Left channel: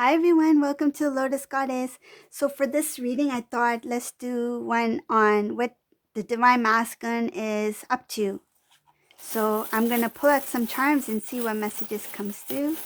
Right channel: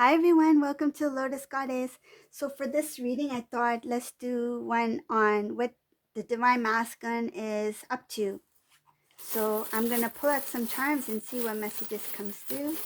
Hi everyone, welcome to Lotus Goddess. So for this reading, I thought let's do one on what the Divine Masculine is up to. So I'm going to pull out some charms and see what messages comes through.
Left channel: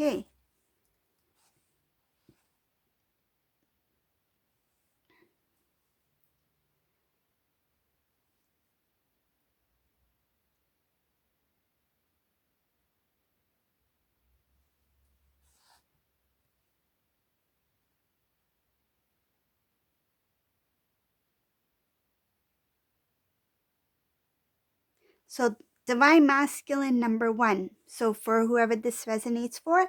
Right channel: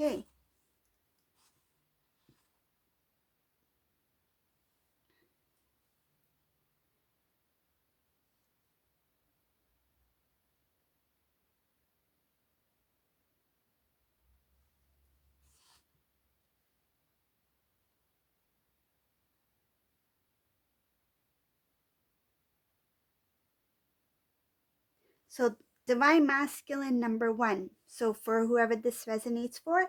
Okay. So Divine Masculine number 1. So for whoever this resonates for,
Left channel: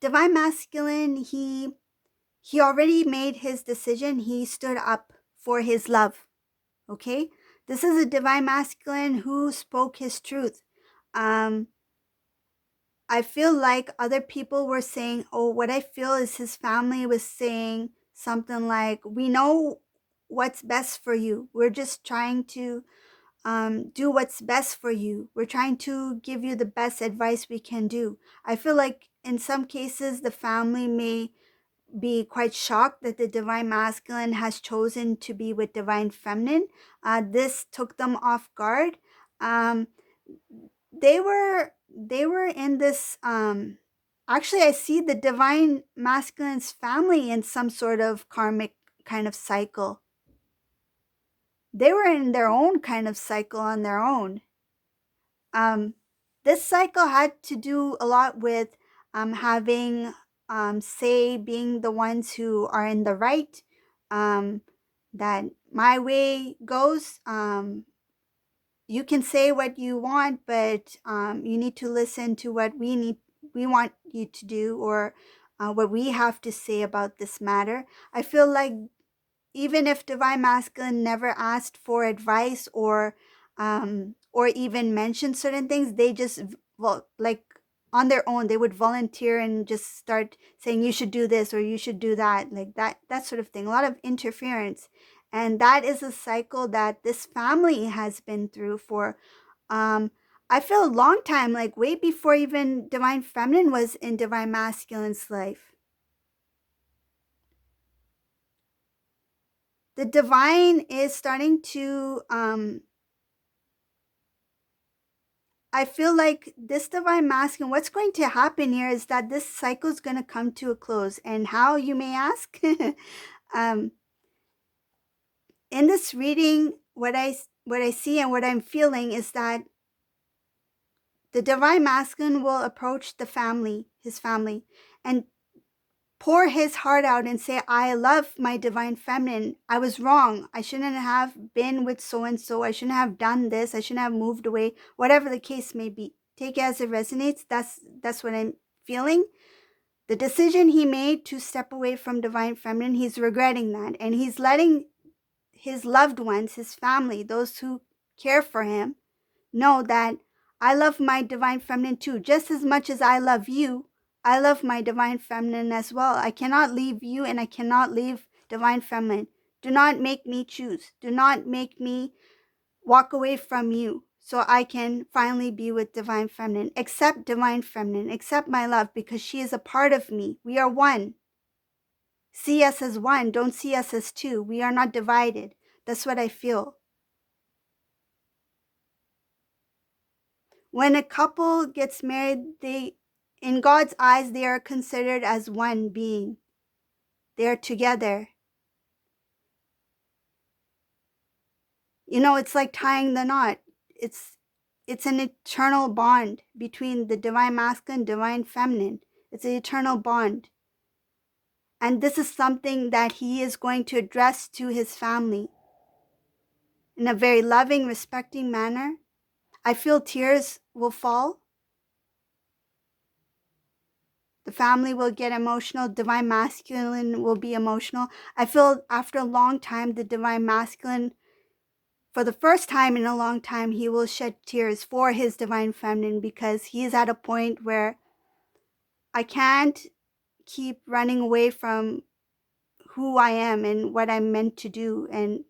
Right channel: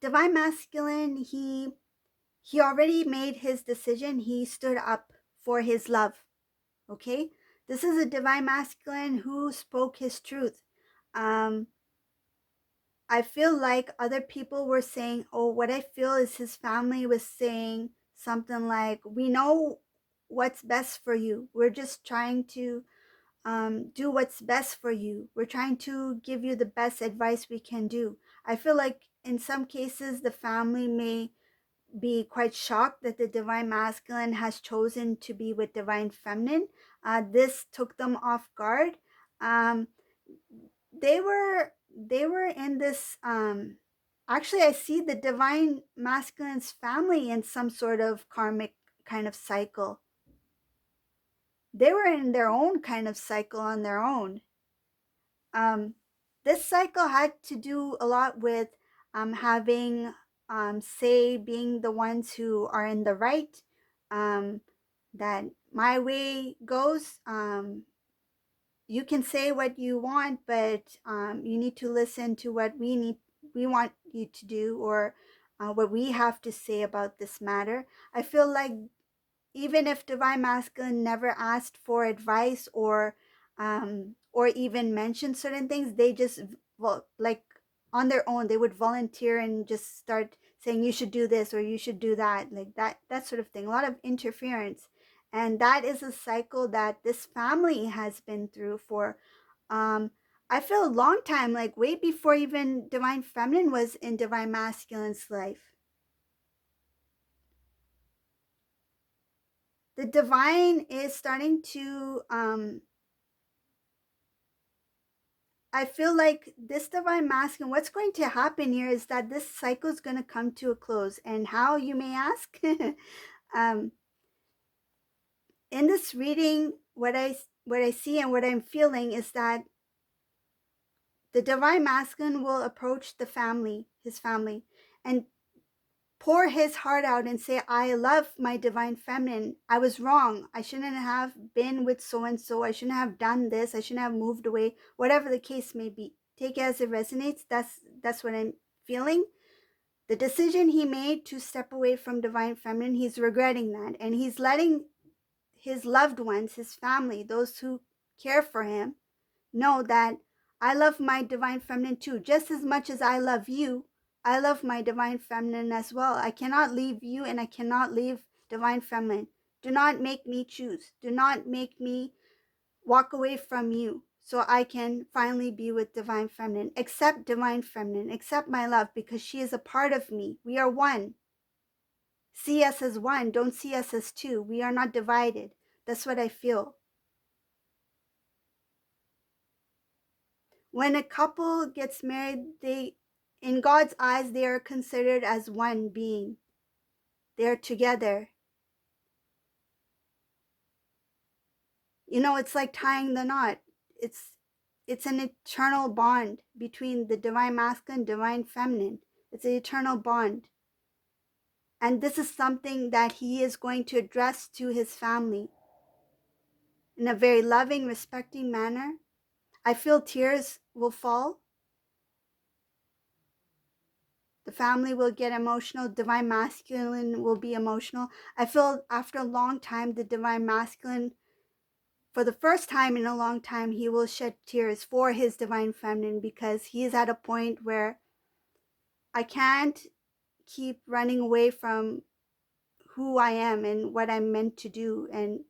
Divine Masculine, he already made his decision. He stood up for his love. Okay? This is a Divine Masculine who spoke his truth. I feel like other people were saying, oh, what I feel is his family was saying something like, we know what's best for you. We're just trying to do what's best for you. We're trying to give you the best advice we can do. I feel like in some cases, the family may be quite shocked that the Divine Masculine has chosen to be with Divine Feminine. This took them off guard. Um, they were in this actually I see the Divine Masculine's family in some sort of karmic kind of cycle. They were in their own kind of cycle on their own. This cycle had to do a lot with having say, being the ones who are in the right, that my way goes. You can say what you want, but you need to listen to what we want you to do, or what we have to say about this matter. I feel like even if Divine Masculine never asked for advice or even mentioned certain things, they just, well, like on their own, they would volunteer and just start saying you should do this or you should do that, like that sort of thing. A lot of interference, and that is a cycle that this family has been through for um I feel a long time, like way before even Divine Feminine was in Divine Masculine's life. The divine is starting to I feel like this Divine Masculine, what's going to happen here is that this cycle is going to come to a close. And how, you may ask? um, in this reading, what I see and what I'm feeling is that the Divine Masculine will approach the family, his family, and pour his heart out and say, I love my Divine Feminine. I was wrong. I shouldn't have been with so and so. I shouldn't have done this. I shouldn't have moved away. Whatever the case may be, take it as it resonates. That's what I'm feeling. The decision he made to step away from Divine Feminine, he's regretting that, and he's letting his loved ones, his family, those who care for him, know that I love my Divine Feminine too. Just as much as I love you, I love my Divine Feminine as well. I cannot leave you and I cannot leave Divine Feminine. Do not make me choose. Do not make me walk away from you so I can finally be with Divine Feminine. Accept Divine Feminine. Accept my love, because she is a part of me. We are one. See us as one. Don't see us as two. We are not divided. That's what I feel. When a couple gets married, in God's eyes, they are considered as one being. They are together. It's like tying the knot. It's an eternal bond between the Divine Masculine and Divine Feminine. It's an eternal bond. And this is something that he is going to address to his family in a very loving, respecting manner. I feel tears will fall. The family will get emotional. Divine Masculine will be emotional. I feel after a long time, the Divine Masculine, for the first time in a long time, he will shed tears for his Divine Feminine, because he is at a point where I can't keep running away from who I am and what I'm meant to do and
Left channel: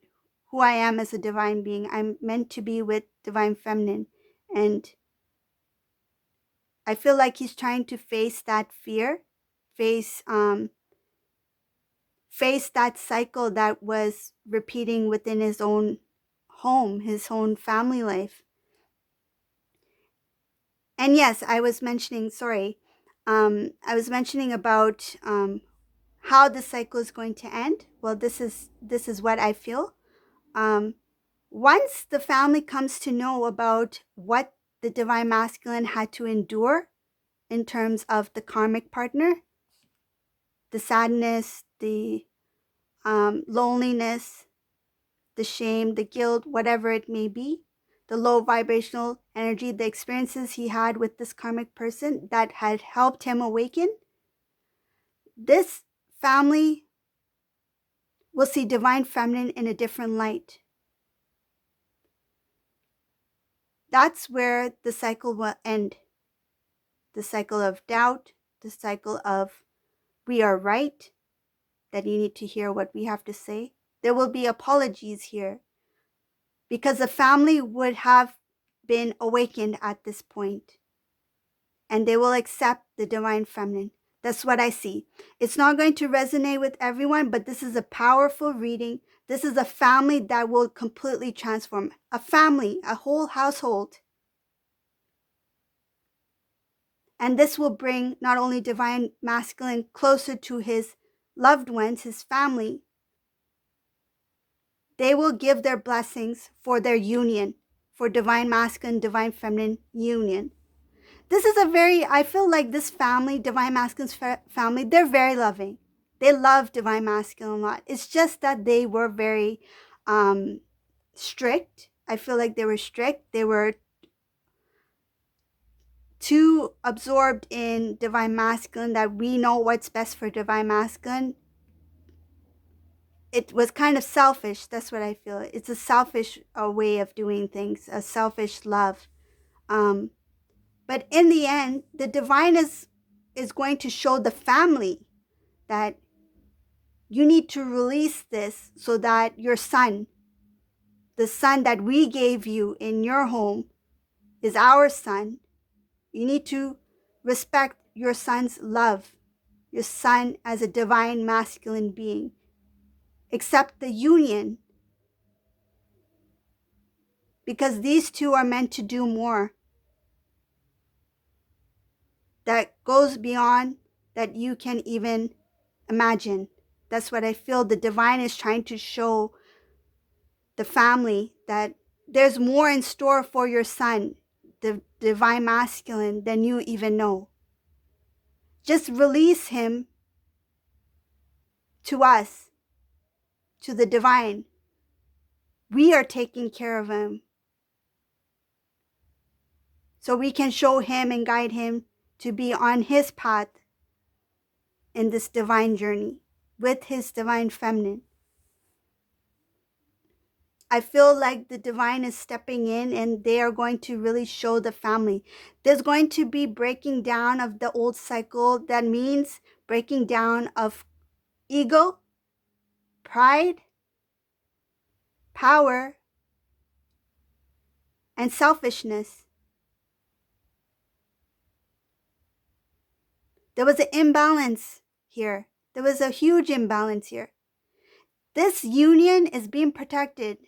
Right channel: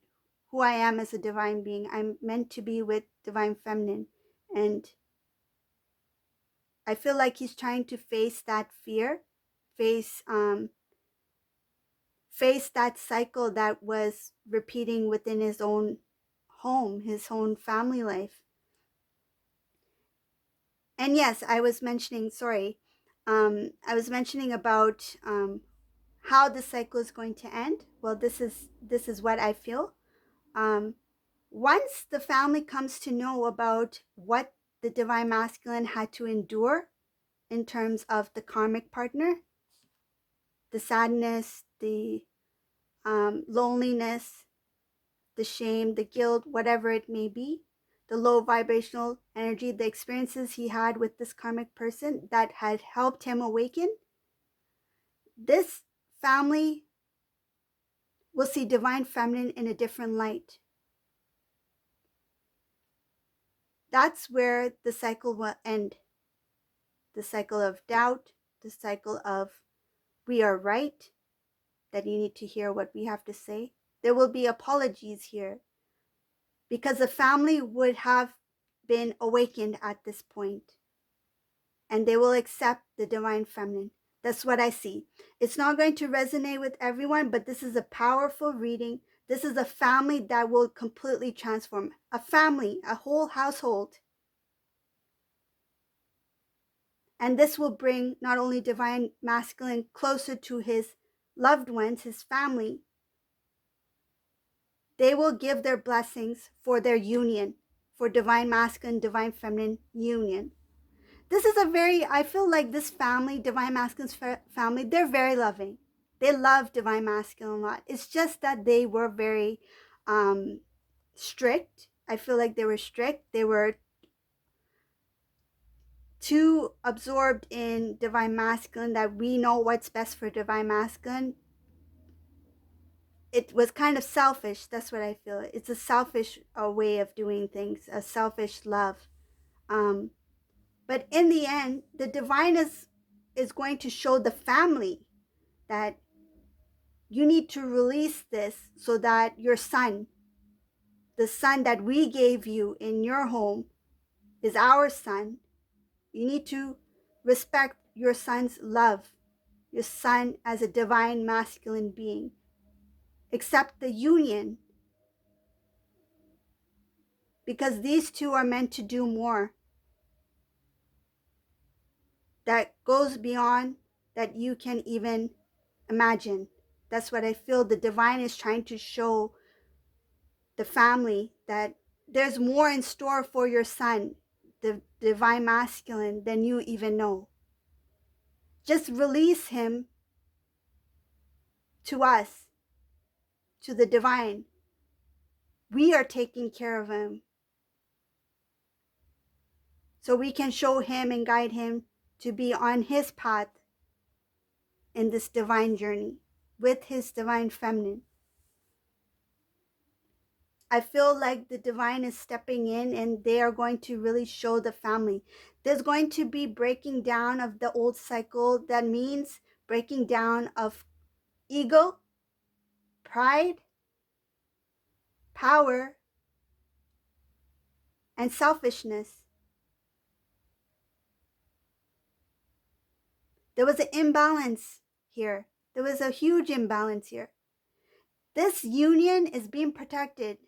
who I am as a divine being. I'm meant to be with Divine Feminine. And I feel like he's trying to face that fear, face face that cycle that was repeating within his own home, his own family life. And yes, I was mentioning, sorry, I was mentioning about how the cycle is going to end. Well, this is what I feel. Once the family comes to know about what the Divine Masculine had to endure in terms of the karmic partner, the sadness, the loneliness, the shame, the guilt, whatever it may be, the low vibrational energy, the experiences he had with this karmic person that had helped him awaken, this family will see Divine Feminine in a different light. That's where the cycle will end. The cycle of doubt, the cycle of we are right, that you need to hear what we have to say. There will be apologies here because the family would have been awakened at this point and they will accept the Divine Feminine. That's what I see. It's not going to resonate with everyone, but this is a powerful reading. This is a family that will completely transform. A family, a whole household. And this will bring not only Divine Masculine closer to his loved ones, his family, they will give their blessings for their union, for Divine Masculine, Divine Feminine union. This is a very, I feel like this family, Divine Masculine's family, they're very loving. They love Divine Masculine a lot. It's just that they were very strict. I feel like they were strict. They were too absorbed in Divine Masculine that we know what's best for Divine Masculine. It was kind of selfish. That's what I feel. It's a selfish way of doing things, a selfish love. But in the end, the divine is going to show the family that you need to release this so that your son, the son that we gave you in your home, is our son. You need to respect your son's love, your son as a divine masculine being. Accept the union because these two are meant to do more that goes beyond that you can even imagine. That's what I feel the divine is trying to show the family, that there's more in store for your son, the Divine Masculine, than you even know. Just release him to us, to the divine. We are taking care of him. So we can show him and guide him to be on his path in this divine journey with his Divine Feminine. I feel like the divine is stepping in and they are going to really show the family. There's going to be breaking down of the old cycle. That means breaking down of ego, pride, power, and selfishness. There was an imbalance here. There was a huge imbalance here. This union is being protected.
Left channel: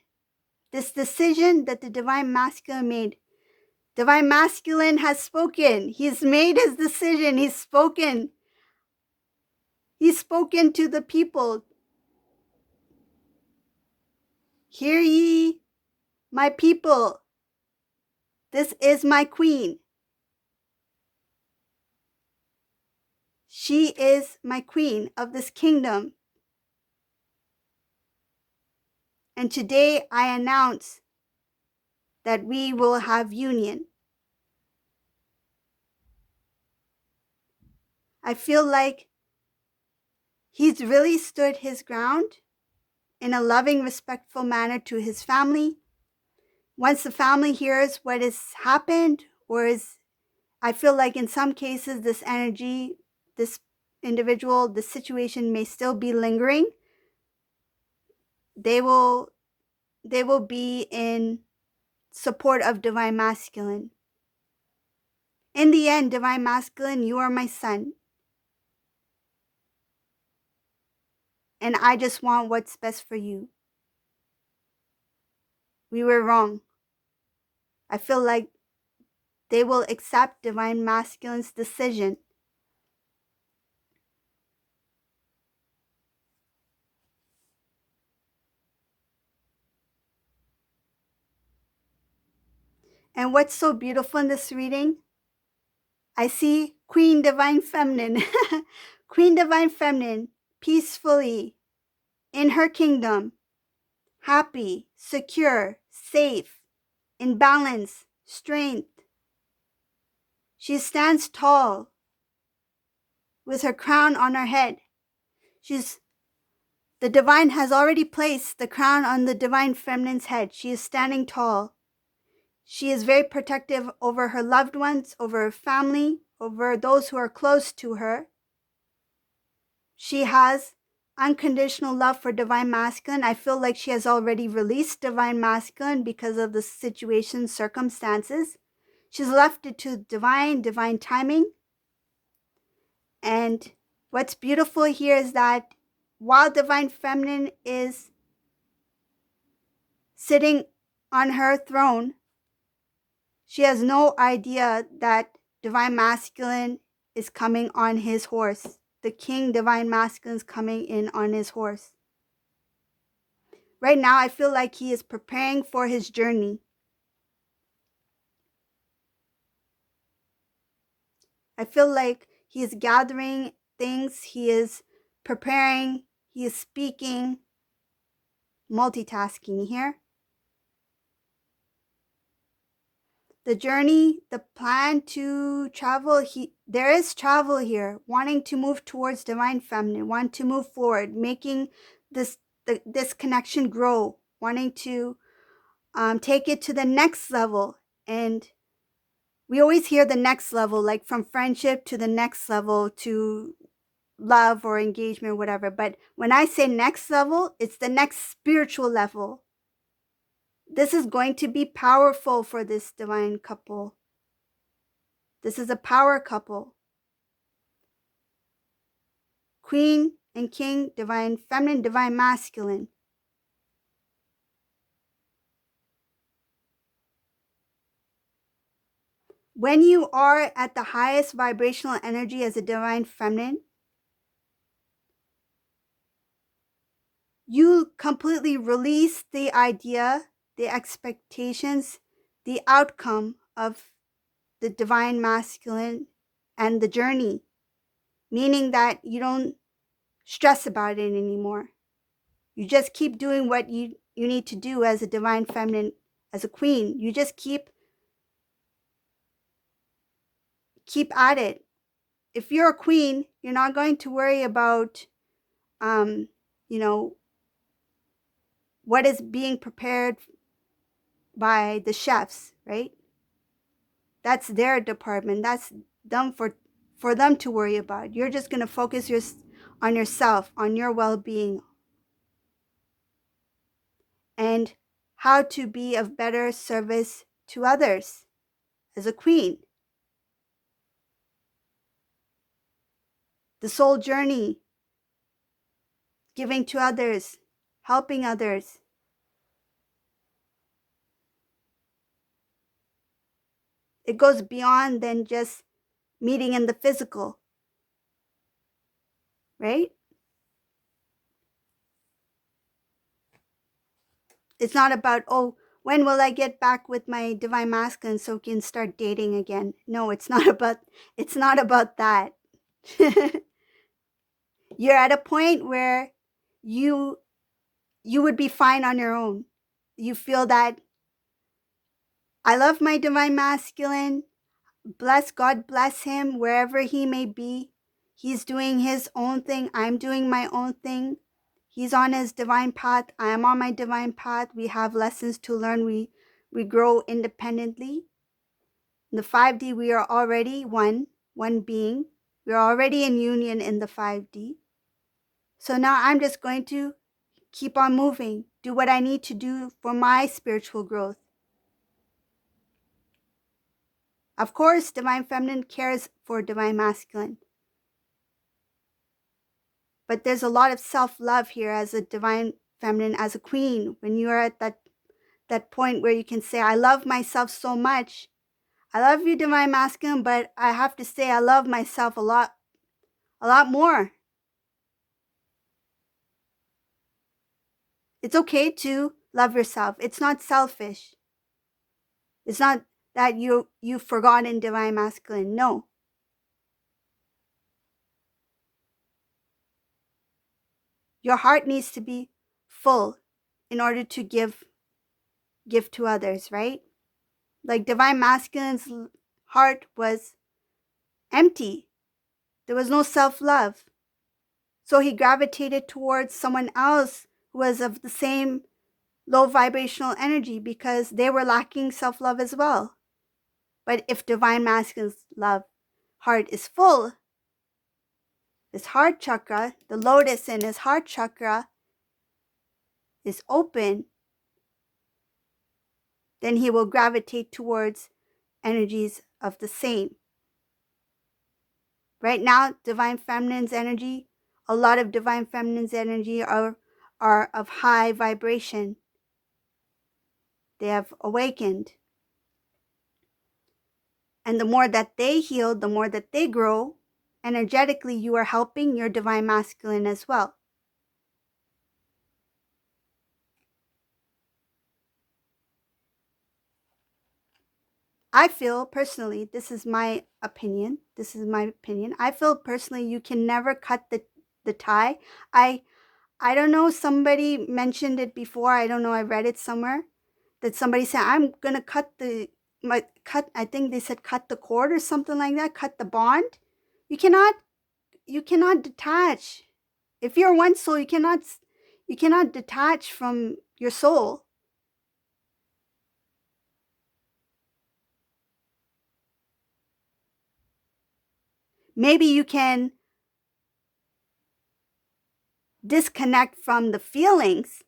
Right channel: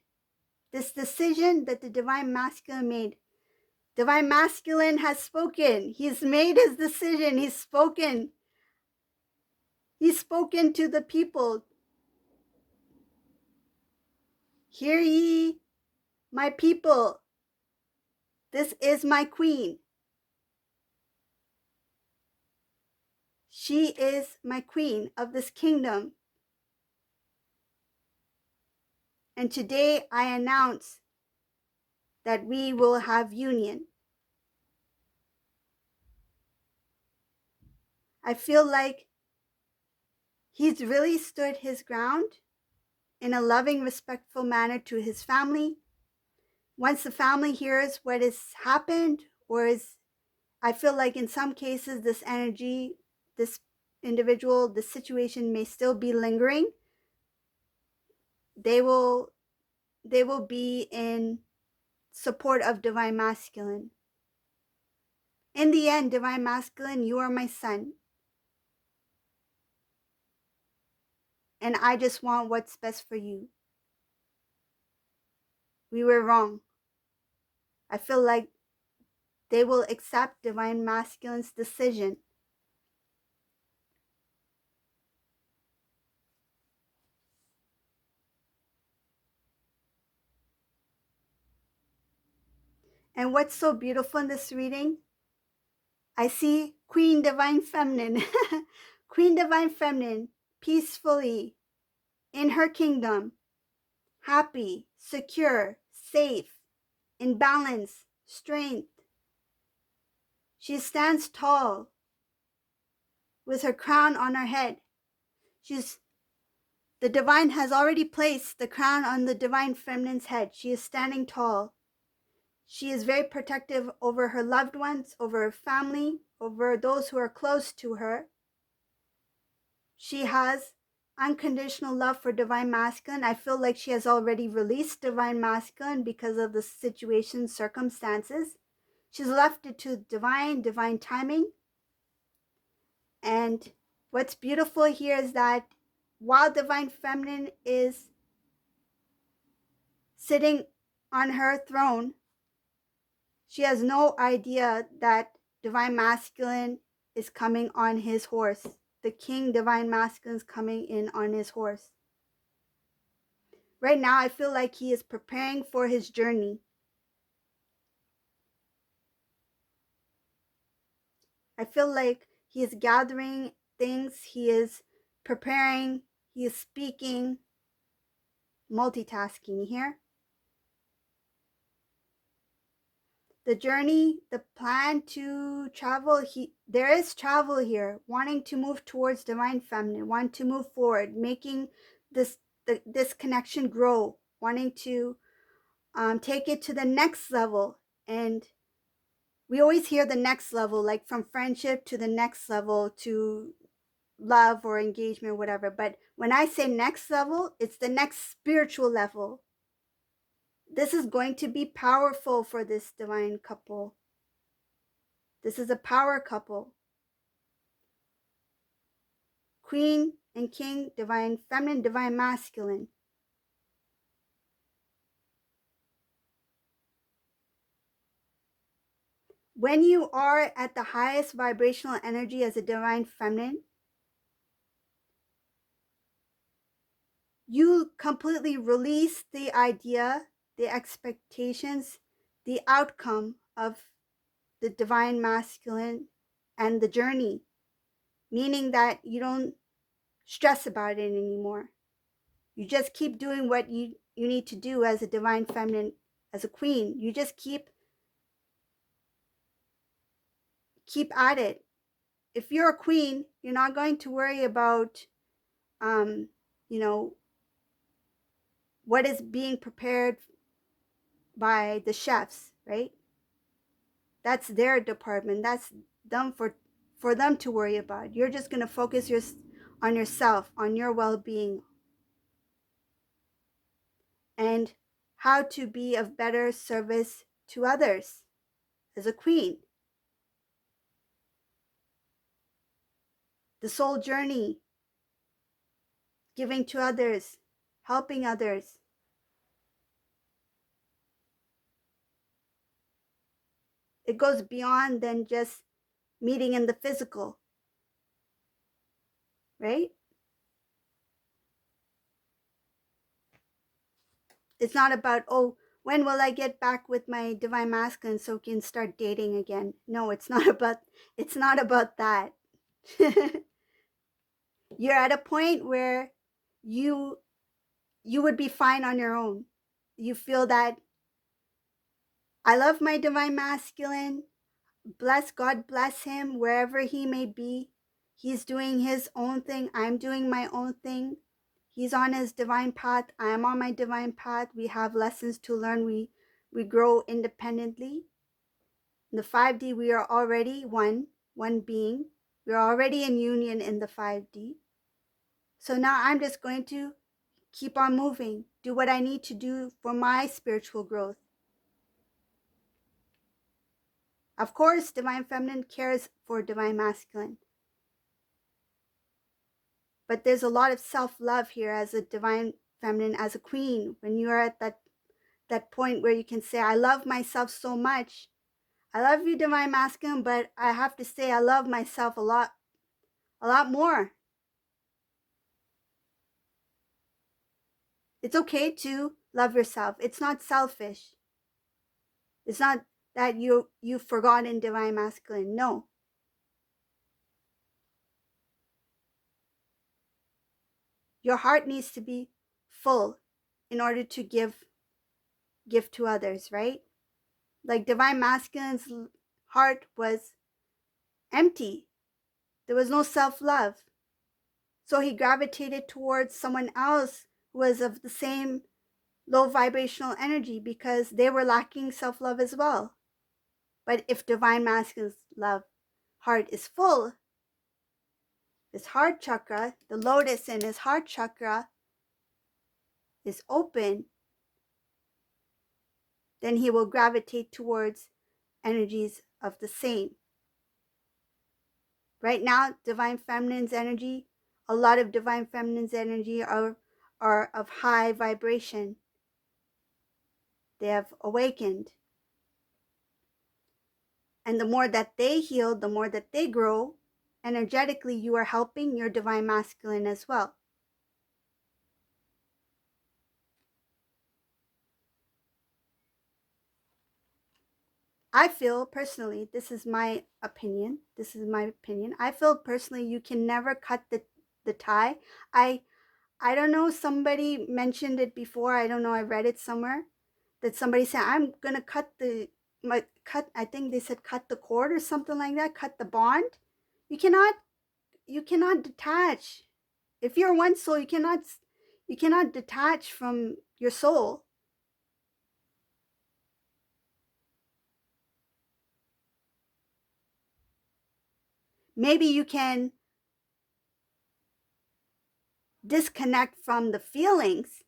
This decision that the Divine Masculine made. Divine Masculine has spoken. He's made his decision. He's spoken. He's spoken to the people. Hear ye, my people. This is my queen. She is my queen of this kingdom. And today I announce that we will have union. I feel like he's really stood his ground in a loving, respectful manner to his family. Once the family hears what has happened, or is, I feel like in some cases, this energy, this individual, the situation may still be lingering. They will be in support of Divine Masculine. In the end, Divine Masculine, you are my son. And I just want what's best for you. We were wrong. I feel like they will accept Divine Masculine's decision. And what's so beautiful in this reading? I see Queen Divine Feminine. Queen Divine Feminine, peacefully in her kingdom, happy, secure, safe, in balance, strength. She stands tall with her crown on her head. The divine has already placed the crown on the Divine Feminine's head. She is standing tall. She is very protective over her loved ones, over her family, over those who are close to her. She has unconditional love for Divine Masculine. I feel like she has already released Divine Masculine because of the situation, circumstances. She's left it to divine timing. And what's beautiful here is that while Divine Feminine is sitting on her throne, she has no idea that Divine Masculine is coming on his horse. The King Divine Masculine is coming in on his horse. Right now, I feel like he is preparing for his journey. I feel like he is gathering things, he is preparing, he is speaking, multitasking here. The journey, the plan to travel, there is travel here, wanting to move towards Divine Feminine, wanting to move forward, making this connection grow, wanting to take it to the next level. And we always hear the next level, like from friendship to the next level to love or engagement, whatever. But when I say next level, it's the next spiritual level. This is going to be powerful for this divine couple. This is a power couple. Queen and King, Divine Feminine, Divine Masculine. When you are at the highest vibrational energy as a Divine Feminine, you completely release the idea, the expectations, the outcome of the Divine Masculine and the journey, meaning that you don't stress about it anymore. You just keep doing what you need to do as a Divine Feminine, as a queen. You just keep at it. If you're a queen, you're not going to worry about, you know, what is being prepared by the chefs, right? That's their department. That's them for them to worry about. You're just going to focus on yourself, on your well-being, and how to be of better service to others as a queen. The soul journey, giving to others, helping others. It goes beyond than just meeting in the physical, right? It's not about, oh, when will I get back with my Divine Masculine so we can start dating again? No, it's not about that. You're at a point where you you would be fine on your own. You feel that I love my divine masculine. Bless God, bless him wherever he may be. He's doing his own thing. I'm doing my own thing. He's on his divine path. I am on my divine path. We have lessons to learn. We grow independently. In the 5D, we are already one being. We're already in union in the 5D. So now I'm just going to keep on moving, do what I need to do for my spiritual growth. Of course, divine feminine cares for divine masculine. But there's a lot of self-love here as a divine feminine, as a queen. When you are at that point where you can say, I love myself so much. I love you, divine masculine, but I have to say I love myself a lot more. It's okay to love yourself. It's not selfish. It's not that you've forgotten divine masculine. No. Your heart needs to be full in order to give to others, right? Like divine masculine's heart was empty. There was no self-love. So he gravitated towards someone else who was of the same low vibrational energy because they were lacking self-love as well. But if divine masculine's love heart is full, his heart chakra, the lotus in his heart chakra is open, then he will gravitate towards energies of the same. Right now, divine feminine's energy, a lot of divine feminine's energy are of high vibration. They have awakened. And the more that they heal, the more that they grow, energetically you are helping your divine masculine as well. I feel personally, this is my opinion. I feel personally you can never cut the tie. I don't know, somebody mentioned it before. I don't know, I read it somewhere that somebody said I'm going to I think they said cut the cord or something like that, cut the bond. You cannot detach. If you're one soul, you cannot detach from your soul. Maybe you can disconnect from the feelings,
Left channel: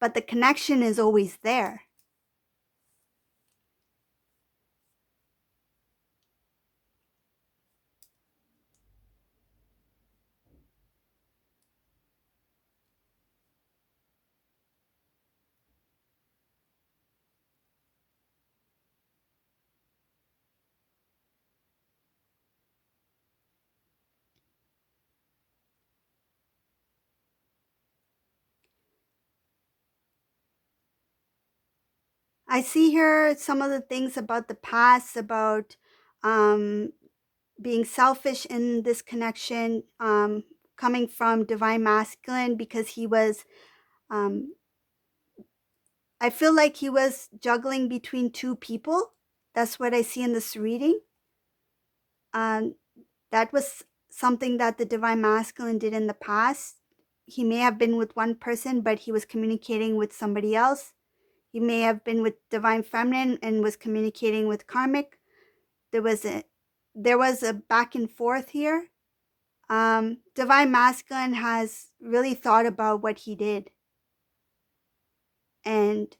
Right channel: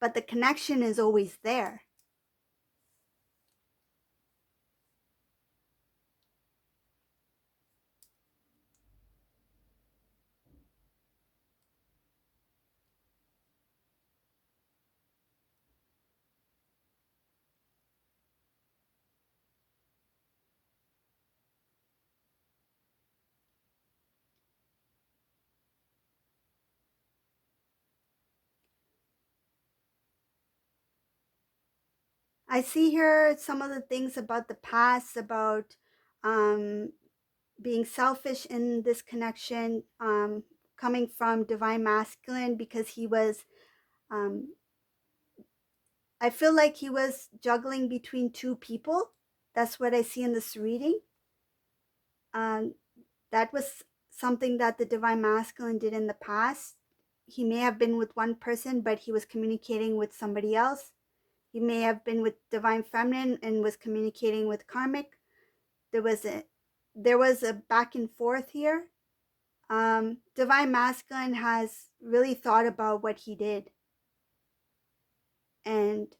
but the connection is always there. I see here some of the things about the past, about um, being selfish in this connection, coming from divine masculine, because he was, I feel like he was juggling between two people. That's what I see in this reading. That was something that the divine masculine did in the past. He may have been with one person, but he was communicating with somebody else. He may have been with divine feminine and was communicating with karmic. There was a back and forth here. Divine masculine has really thought about what he did, and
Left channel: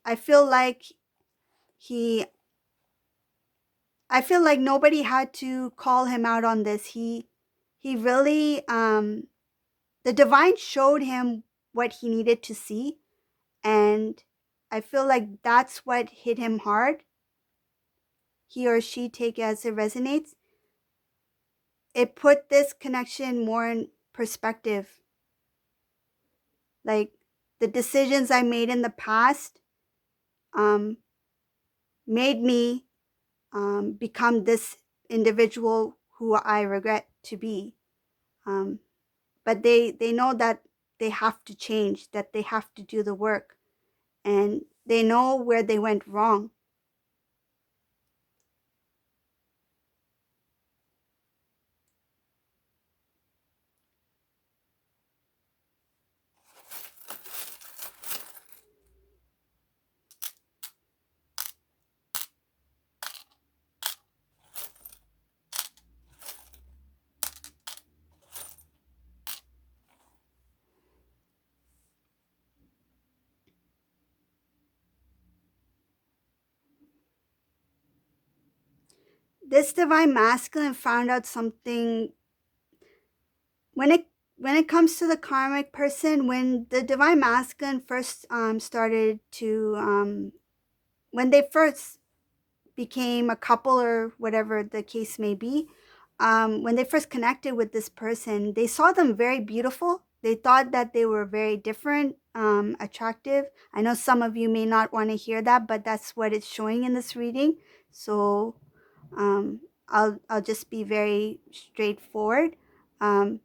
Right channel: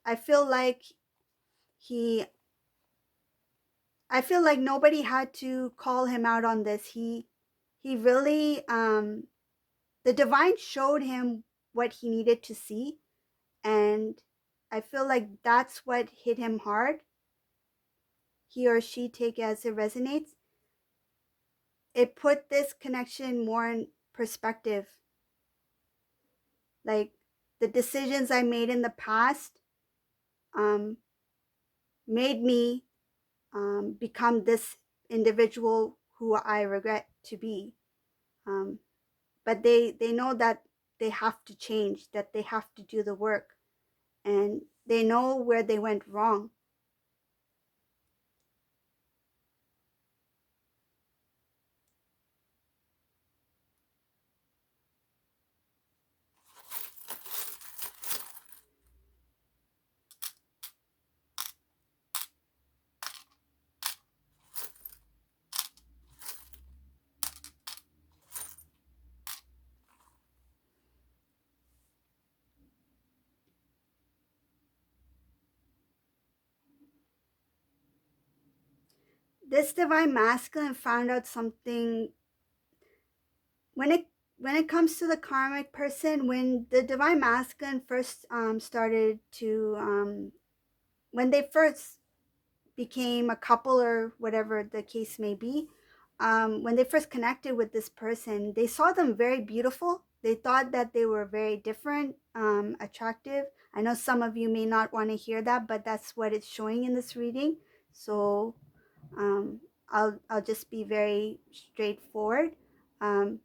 he I feel like nobody had to call him out on this. He really the divine showed him what he needed to see, and I feel like that's what hit him hard. He or she, take as it resonates. It put this connection more in perspective. Like the decisions I made in the past um, made me become this individual who I regret to be. but they know that they have to change, that they have to do the work, and they know where they went wrong. This divine masculine found out something when it comes to the karmic person. When the divine masculine first started to when they first became a couple, or whatever the case may be, when they first connected with this person, they saw them very beautiful. They thought that they were very different, attractive. I know some of you may not want to hear that, but that's what it's showing in this reading. So um, I'll just be very straightforward. Um,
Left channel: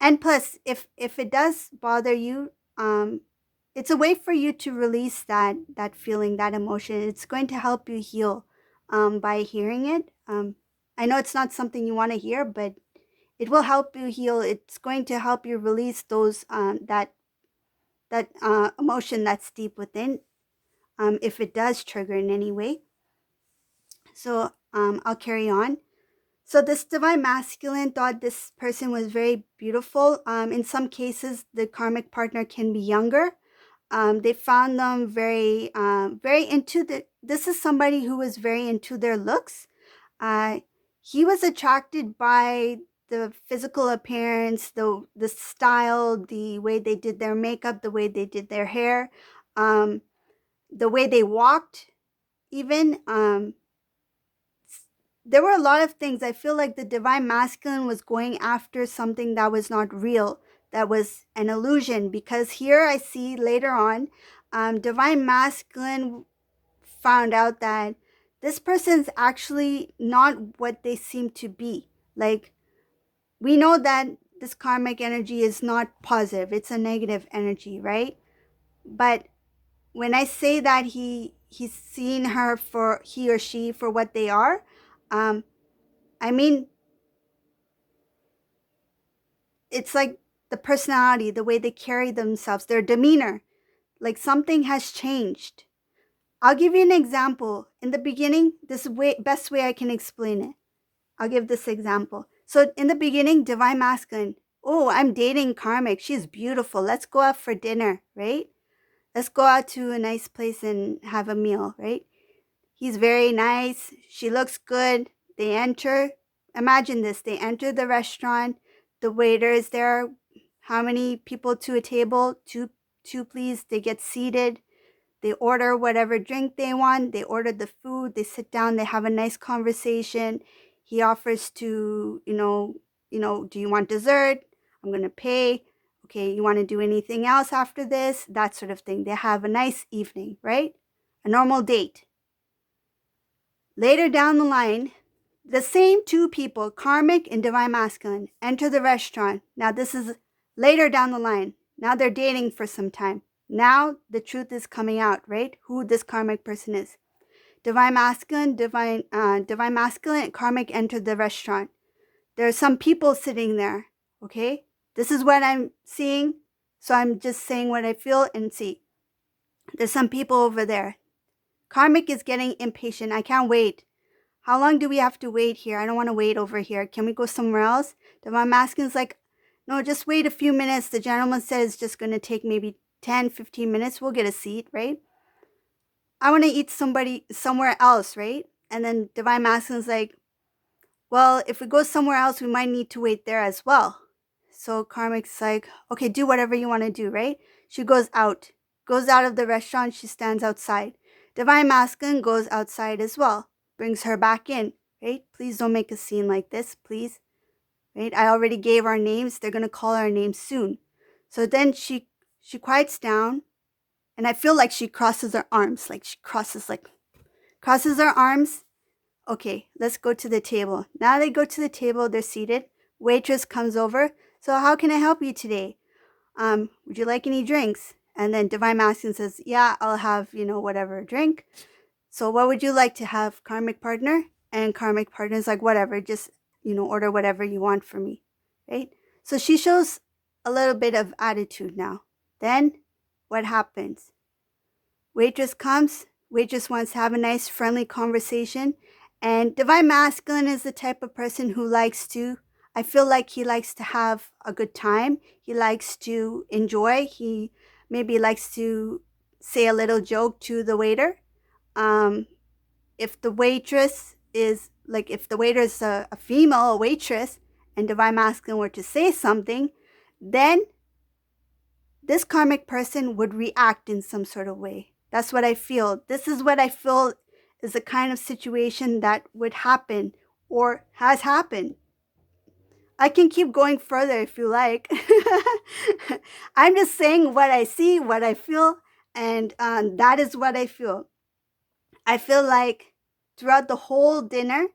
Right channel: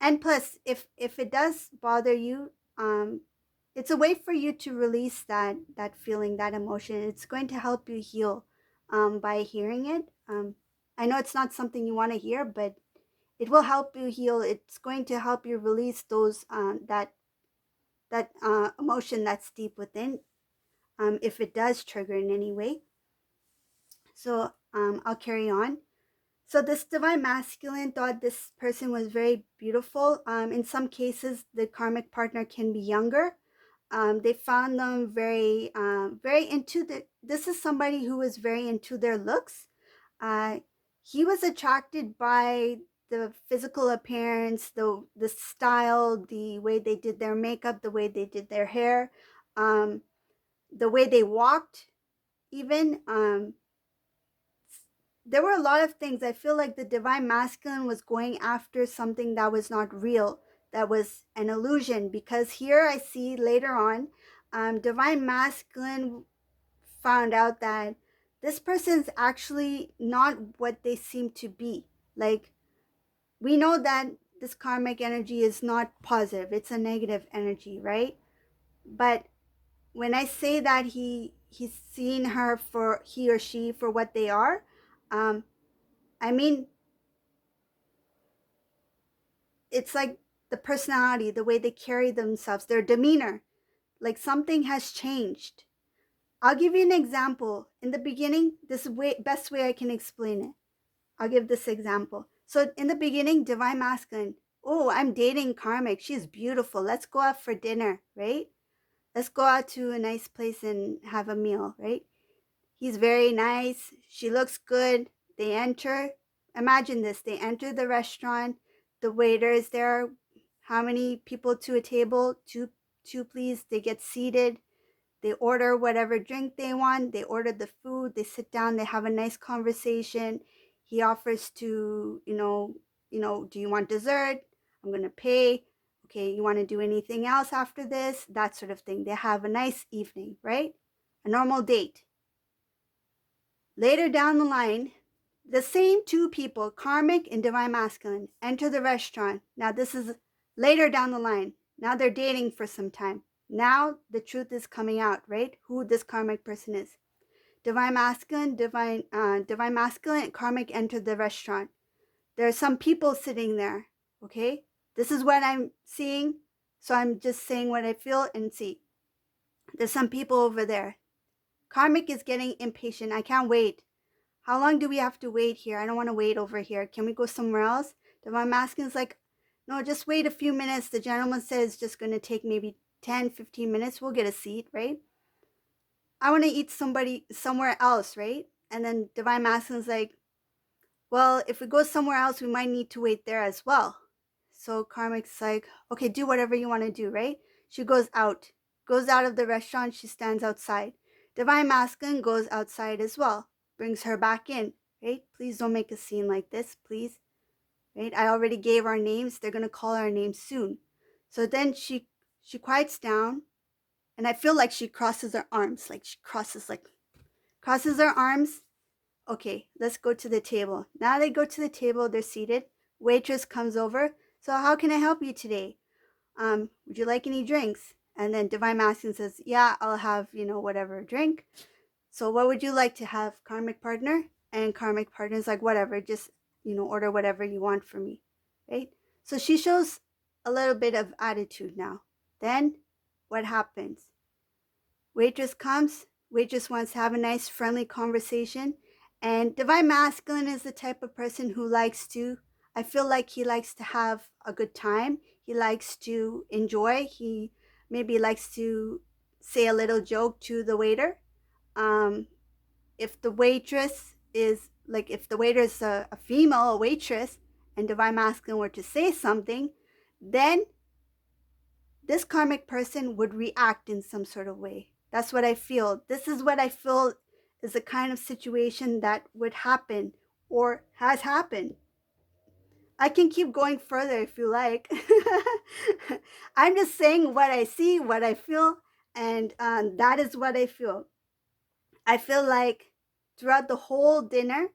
and plus, if it does bother you, it's a way for you to release that feeling, that emotion. It's going to help you heal by hearing it. I know it's not something you want to hear, but it will help you heal. It's going to help you release those that emotion that's deep within, if it does trigger in any way. So I'll carry on. So this divine masculine thought this person was very beautiful. In some cases, the karmic partner can be younger. They found them very into the. This is somebody who was very into their looks. Uh, he was attracted by the physical appearance, the style, the way they did their makeup, the way they did their hair, um, the way they walked, even. There were a lot of things. I feel like the divine masculine was going after something that was not real, that was an illusion. Because here I see later on, divine masculine found out that this person's actually not what they seem to be. Like, we know that this karmic energy is not positive, it's a negative energy, right? But when I say that he's seen her for, he or she, for what they are, um, I mean, it's like the personality, the way they carry themselves, their demeanor, like something has changed. I'll give you an example. In the beginning, this is way best way I can explain it. I'll give this example. So in the beginning, divine masculine, oh, I'm dating karmic. She's beautiful. Let's go out for dinner, right? Let's go out to a nice place and have a meal, right? He's very nice. She looks good. They enter. Imagine this. They enter the restaurant. The waiter is there. How many people to a table? Two, please. They get seated. They order whatever drink they want. They order the food. They sit down. They have a nice conversation. He offers to, do you want dessert? I'm going to pay. Okay, you want to do anything else after this? That sort of thing. They have a nice evening, right? A normal date. Later down the line, the same two people, karmic and divine masculine, enter the restaurant. Now, this is later down the line. Now they're dating for some time. Now the truth is coming out, right? Who this karmic person is. Divine masculine, divine masculine, and karmic enter the restaurant. There are some people sitting there, okay? This is what I'm seeing, so I'm just saying what I feel and see. There's some people over there. Karmic is getting impatient. I can't wait. How long do we have to wait here? I don't want to wait over here. Can we go somewhere else? Divine masculine's like, no, just wait a few minutes. The gentleman said it's just going to take maybe 10, 15 minutes. We'll get a seat, right? I want to eat somewhere else, right? And then divine masculine's like, well, if we go somewhere else, we might need to wait there as well. So karmic's like, okay, do whatever you want to do, right? She goes out of the restaurant. She stands outside. Divine masculine goes outside as well, brings her back in, right? Please don't make a scene like this, please, right? I already gave our names. They're going to call our names soon. So then she quiets down, and I feel like she crosses her arms, like she crosses her arms. Okay, let's go to the table. Now they go to the table, they're seated. Waitress comes over. So how can I help you today? Would you like any drinks? And then Divine Masculine says, yeah, I'll have, whatever drink. So what would you like to have, Karmic partner? And Karmic partner is like, whatever, just, order whatever you want for me, right? So she shows a little bit of attitude now. Then what happens? Waitress comes. Waitress wants to have a nice, friendly conversation. And Divine Masculine is the type of person who I feel like he likes to have a good time. He likes to enjoy. He maybe likes to say a little joke to the waiter. Um, if the waitress is if the waiter is a female, a waitress, and Divine Masculine were to say something, then this karmic person would react in some sort of way. That's what I feel. This is what I feel is the kind of situation that would happen or has happened. I can keep going further if you like. I'm just saying what I see, what I feel, and that is what I feel. I feel like throughout the whole dinner,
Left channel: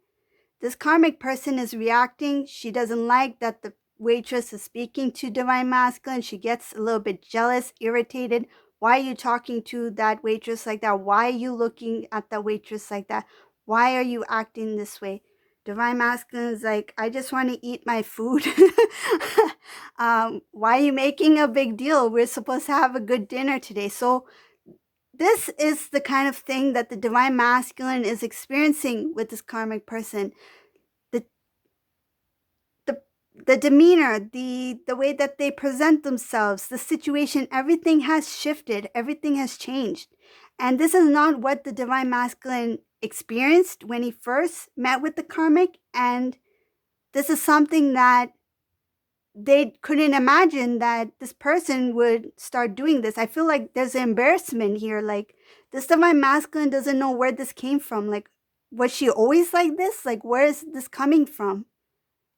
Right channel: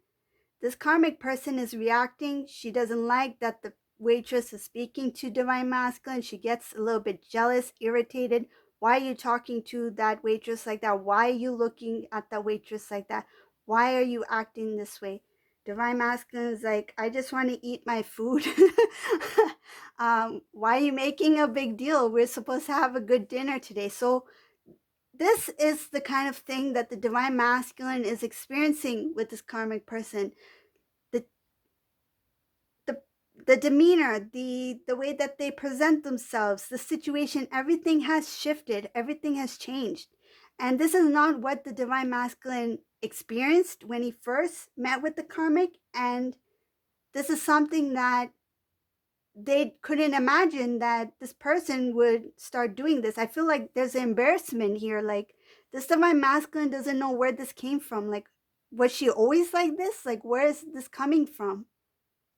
this karmic person is reacting. She doesn't like that the waitress is speaking to Divine Masculine. She gets a little bit jealous, irritated. Why are you talking to that waitress like that? Why are you looking at that waitress like that? Why are you acting this way? Divine Masculine is like, I just want to eat my food. Why are you making a big deal? We're supposed to have a good dinner today. So this is the kind of thing that the Divine Masculine is experiencing with this karmic person. The demeanor, the way that they present themselves, the situation, everything has shifted, everything has changed. And this is not what the Divine Masculine experienced when he first met with the karmic, and this is something that they couldn't imagine that this person would start doing this. I feel like there's an embarrassment here. Like, this Divine Masculine doesn't know where this came from. Like, was she always like this? Like, where is this coming from?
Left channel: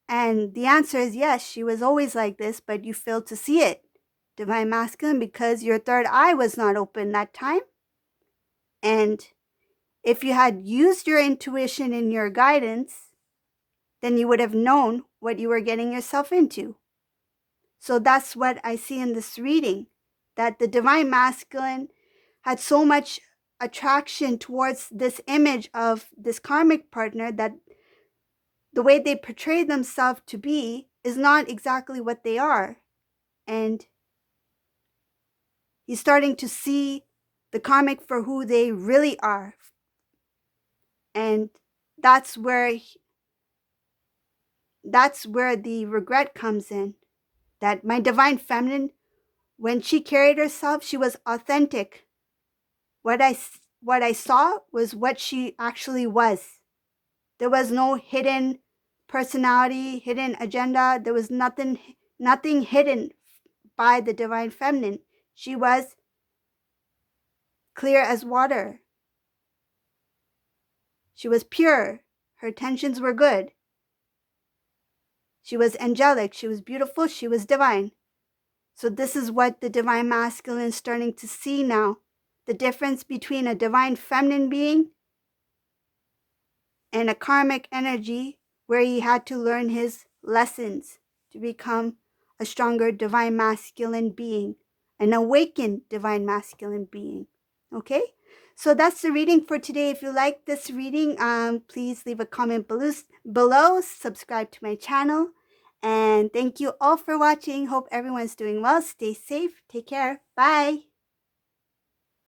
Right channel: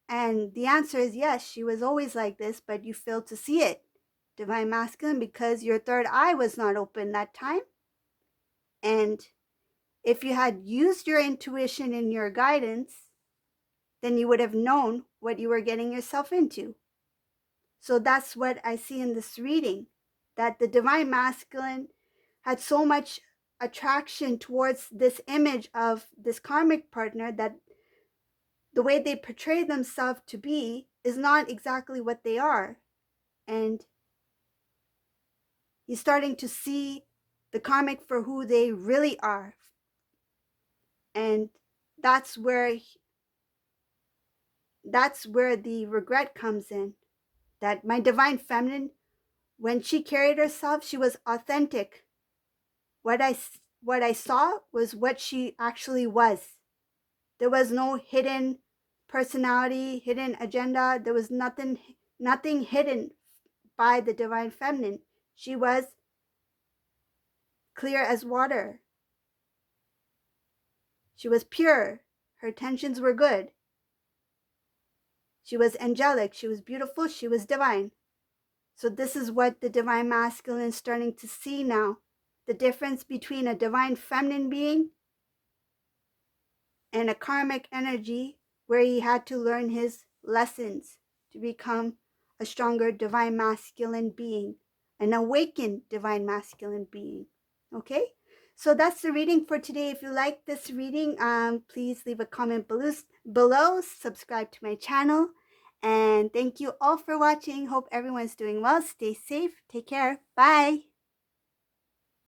And the answer is yes, she was always like this, but you failed to see it, Divine Masculine, because your third eye was not open that time. And if you had used your intuition and your guidance, then you would have known what you were getting yourself into. So that's what I see in this reading, that the Divine Masculine had so much attraction towards this image of this karmic partner that the way they portray themselves to be is not exactly what they are. And he's starting to see the karmic for who they really are. And that's where the regret comes in. That my divine feminine, when she carried herself, she was authentic. What I saw was what she actually was. There was no hidden personality, hidden agenda. There was nothing hidden by the divine feminine. She was clear as water. She was pure. Her intentions were good. She was angelic. She was beautiful. She was divine. So this is what the Divine Masculine is starting to see now. The difference between a divine feminine being and a karmic energy, where he had to learn his lessons to become a stronger divine masculine being, an awakened divine masculine being. Okay, so that's the reading for today. If you like this reading, please leave a comment below, subscribe to my channel, and thank you all for watching. Hope everyone's doing well. Stay safe. Take care. Bye.